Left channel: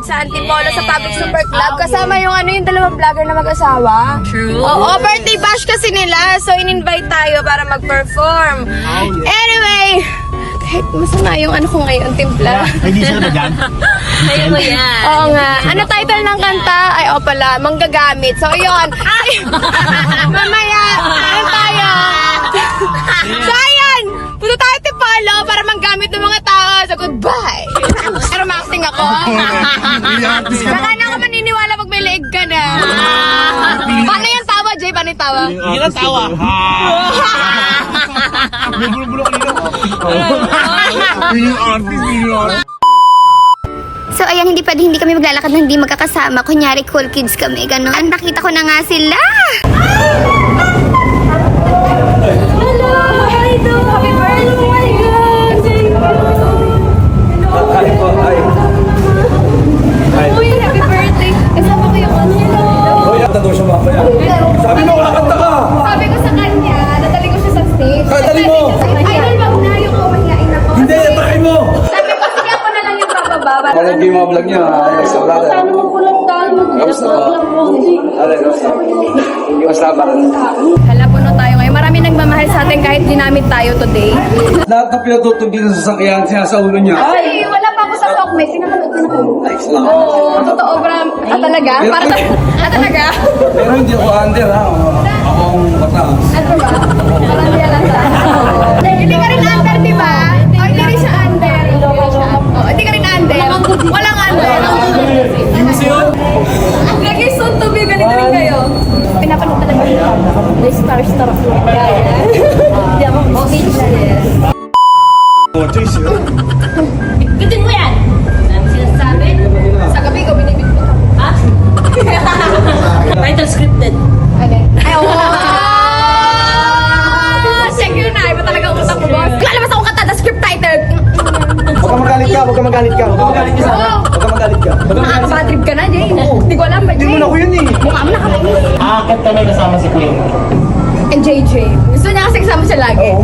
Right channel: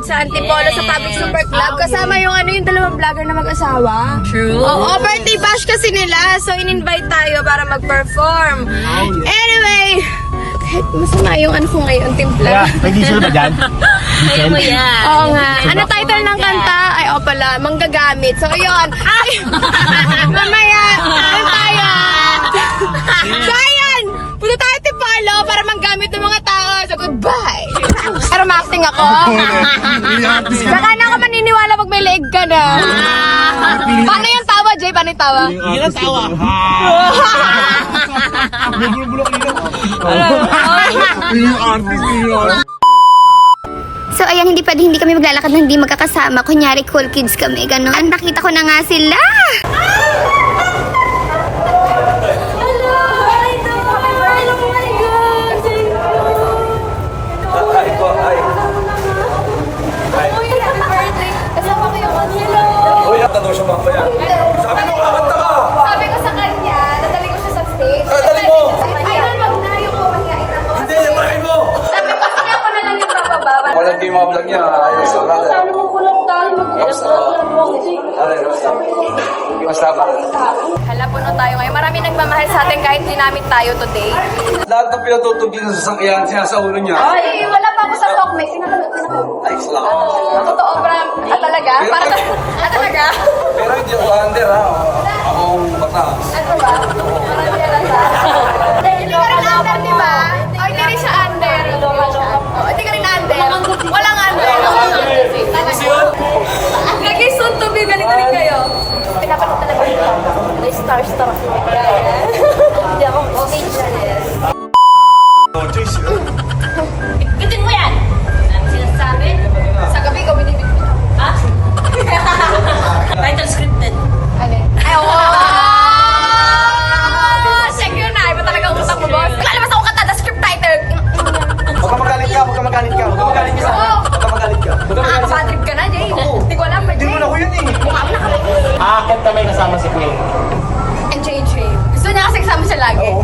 Pride sa Antipolo sa Public Super Club. Kasama yung ano yung dalawang vlogger na mag-asawa. True. Oo, birthday bash kasi nila. So, in-invite tayo para mag-perform. Anyway, kahit masama yung ano ko ngayon, timpla. May diesel ba dyan? Kaya mo yan. Oo nga. Ano title ng kanta? Ay, o pala, manggagamit. So, yun. Ay! Mamaya, Ma-acting ako. Saka na ako maniniwala pag may leeg ka na. Paano yung tawa, Jay? Paano yung tawa? Hindi na tawa. Yung artist yun. So ayan, hindi pwede hindi kami maglalakad na hindi magkakasama. Kunyari, cool kids kami, gano'n. Nakita ko na nga sila! Alay, kamusta? Kamusta ba? Hala, puno tayo ngayon. Marami nagmamahal sa atin kahit ginamit tayo today. Lahat na pinatutong din sa sasakyan siya sa ulo niya. Ay, wala pa ako sa talk, may sinanood ko na kayo. Nice lang. Oo, totoo, Bram. Ah, talaga? Para. Ah, talaga? Pero hindi ako under ha. Ako ang mataas. Ano ba? Niya kasi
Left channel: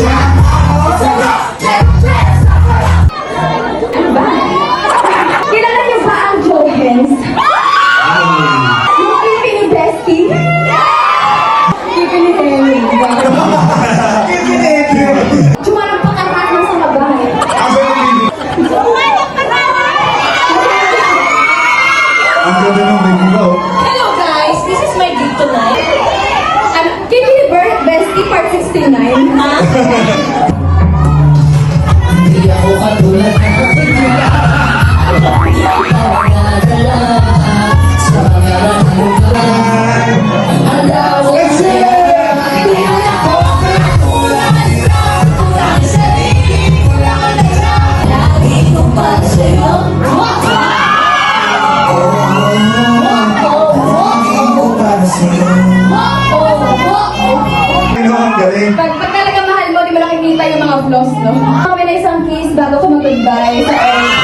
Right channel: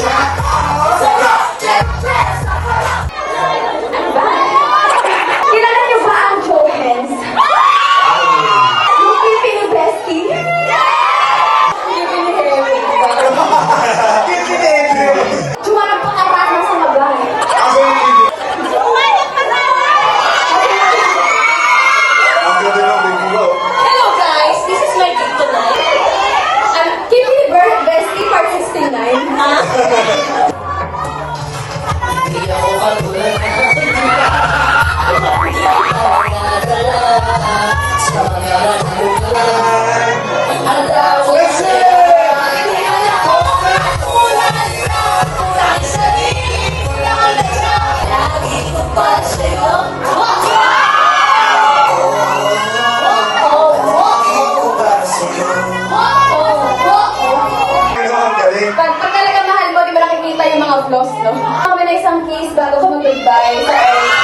Yeah. 69. Hindi ako ang Galing. Pag, pag talaga mahal mo, di mo nakikita yung mga flaws, no? Kami na isang kiss bago ko mag-goodbye sa.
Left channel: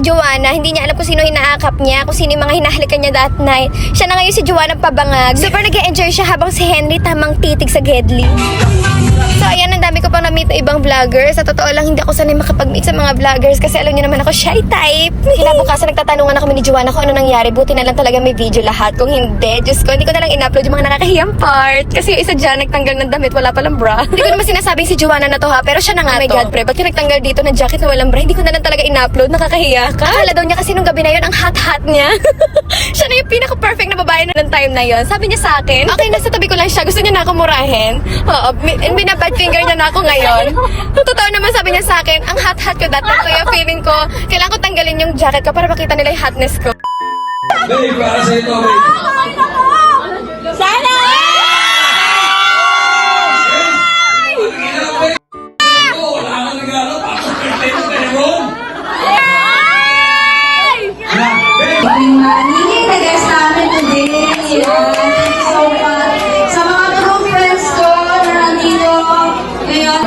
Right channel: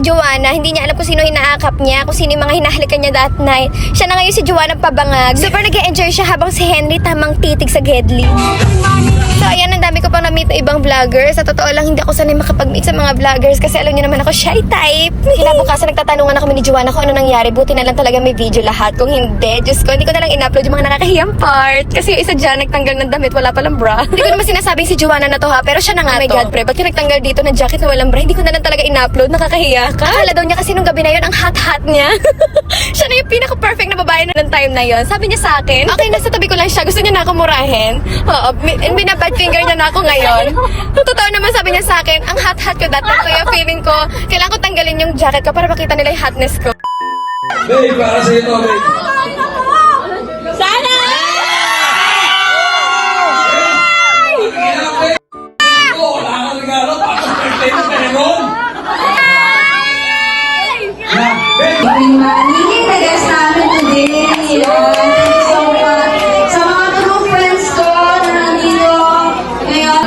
Si Joanna, hindi niya alam kung sino inaakap niya, kung sino yung mga hinahalikan niya that night. Siya na ngayon si Joanna pabangag. Super nag enjoy siya habang si Henry tamang titig sa Gedli. So ayan, ang dami ko pang na-meet na ibang vloggers. Sa totoo lang, hindi ako sanay makapag-meet sa mga vloggers kasi alam niyo naman ako shy type. Kinabukasan nagtatanungan ako ni Joanna kung ano nangyari. Buti na lang talaga may video lahat. Kung hindi, Diyos ko, hindi ko na lang in-upload yung mga nakakahiyang part. Kasi yung isa dyan, nagtanggal ng damit, wala palang bra. hindi ko naman sinasabing si Joanna na to ha, pero siya na nga oh my God, pre, ba't nagtanggal dito ng jacket na walang bra? Hindi ko na lang talaga in-upload, nakakahiya ka. Akala daw niya kasi nung gabi na yun, ang hot-hot niya. siya na yung pinaka-perfect na babae na ng time na yon. Sabi niya sa akin, okay, nasa tabi ko lang siya, gusto niya na ako murahin. Oo, and binabad finger niya na ako ngayon. Totoo naman sabi niya sa akin, ang hot-hot ko time, kaya feeling ko, kailangan ko tanggalin yung jacket ko para makita nila yung hotness ko. Babe, para sa ito, babe.